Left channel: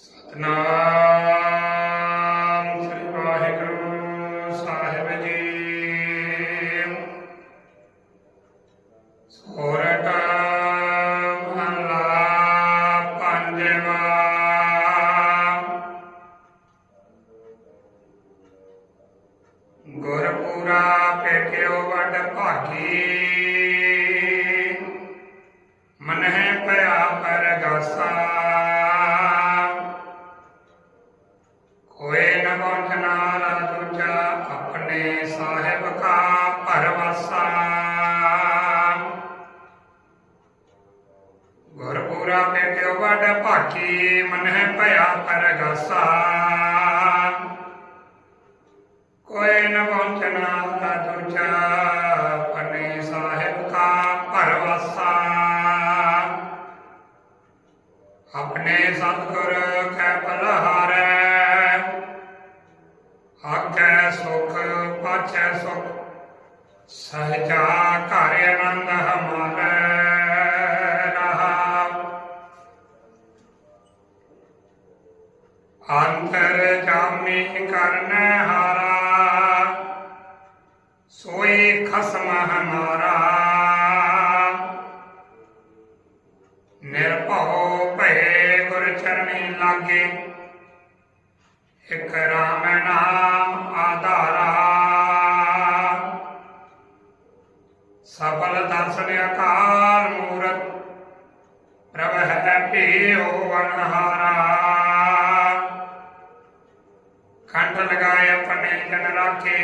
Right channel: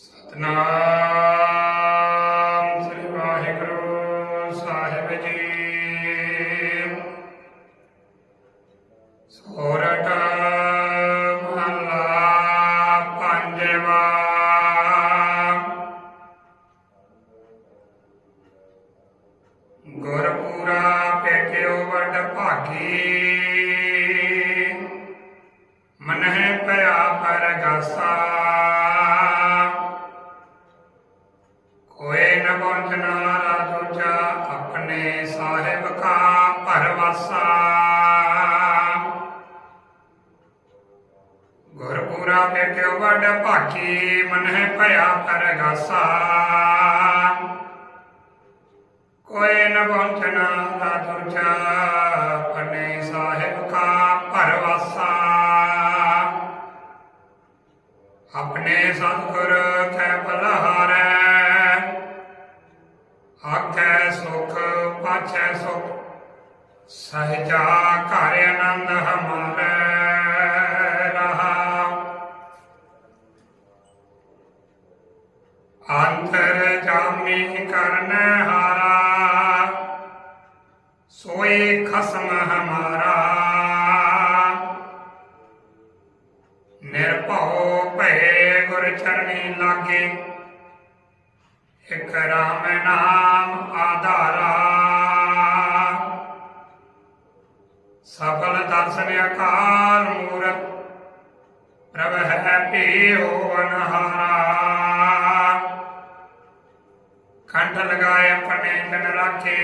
ਸਤਨਾਮ ਸ੍ਰੀ ਵਾਹਿਗੁਰੂ ਸਾਹਿਬ ਜੀ। ਸੋਰਠ ਮਹਲਾ ਪੰਜਵਾ। ਗੁਰਪੂਰਾ ਪੇਟਿਓ ਵੱਡ ਭਾਗੀ। ਮਨਹਿ ਭਇਆ ਪਰਗਾਸਾ ਕੋਏ ਨ ਪਹੁੰਚਣਾ ਰਾਜੂਚਾ ਆਪਣੇ ਸਾਹਿਬ ਕਾ ਭਰਵਾਸਾ। ਗੁਰਪੂਰਾ ਪੇਟਿਓ ਵੱਡ ਭਾਗੀ, ਮਨਹਿ ਭਇਆ ਪਰਗਾਸਾ ਕੋਏ ਨ ਪਹੁੰਚਣਾ ਰਾਜੂਚਾ ਆਪਣੇ ਸਾਹਿਬ ਕਾ ਭਰਵਾਸਾ। ਆਪਣੇ ਸਤਿਗੁਰ ਕੈ ਪਾਛੈ ਸੁਖ, ਸਹਜਾ ਘਰ ਆਨੰਦ ਹਮਾਰਾ ਰਹਾ ਅੰਤਰ ਜਾਮੀ ਕਰਨ ਹਾਰਾ ਸੋਈ ਖਸਮ ਹਮਾਰਾ। ਨਿਰਭਉ ਭਏ ਗੁਰ ਚਰਣੀ ਲਾਗੇ, ਇਕ ਰਾਮ ਨਾਮ ਸਫਲ ਦਰਸ਼ਨ ਅਕਾਲ ਮੂਰਤ ਪ੍ਰਭ ਹੈ ਭੀਓ ਅਨਹਾਰਾ ਕੰਠ ਲਗਾਏ ਆਪਣੇ ਜਨ ਰਾਖੇ,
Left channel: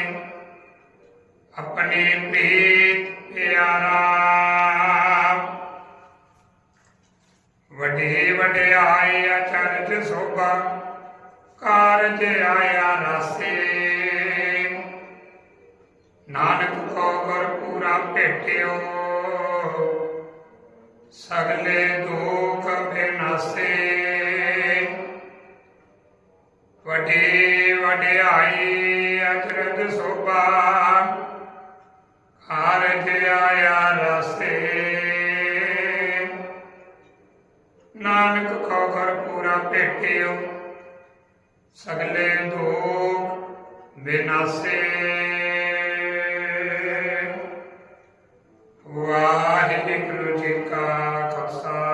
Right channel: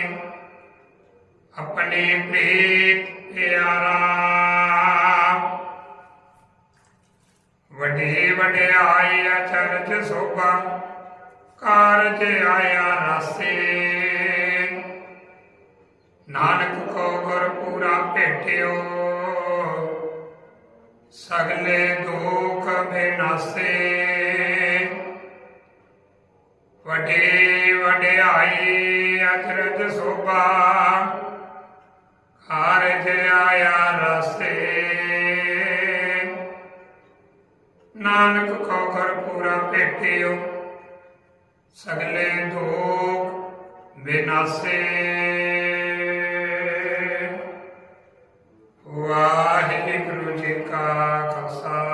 ਆਪਣੀ ਪ੍ਰੀਤ ਪਿਆਰਾ। ਵੱਡੀ ਵਡਿਆਈ ਅਚਰਜ ਸੋਭਾ ਕਾਰਜ ਆਇਆ ਰਾਸੇ। ਨਾਨਕ ਕੋ ਗੁਰ ਪੂਰਾ ਭੇਟਿਓ, ਸਗਲੇ ਦੁਖ ਬਿਨਾਸੇ। ਵਡੇ ਵਡਿਆਈ ਅਚਰਜ ਸੋਭਾ, ਕਾਰਜ ਆਇਆ ਰਸੇ। ਨਾਨਕ ਕੋ ਘਰ ਪੂਰਾ ਭੇਟਿਓ, ਸਗਲੇ ਦੁਖ ਬਿਨਾਸੇ। ਕਾ ਖਾਲਸਾ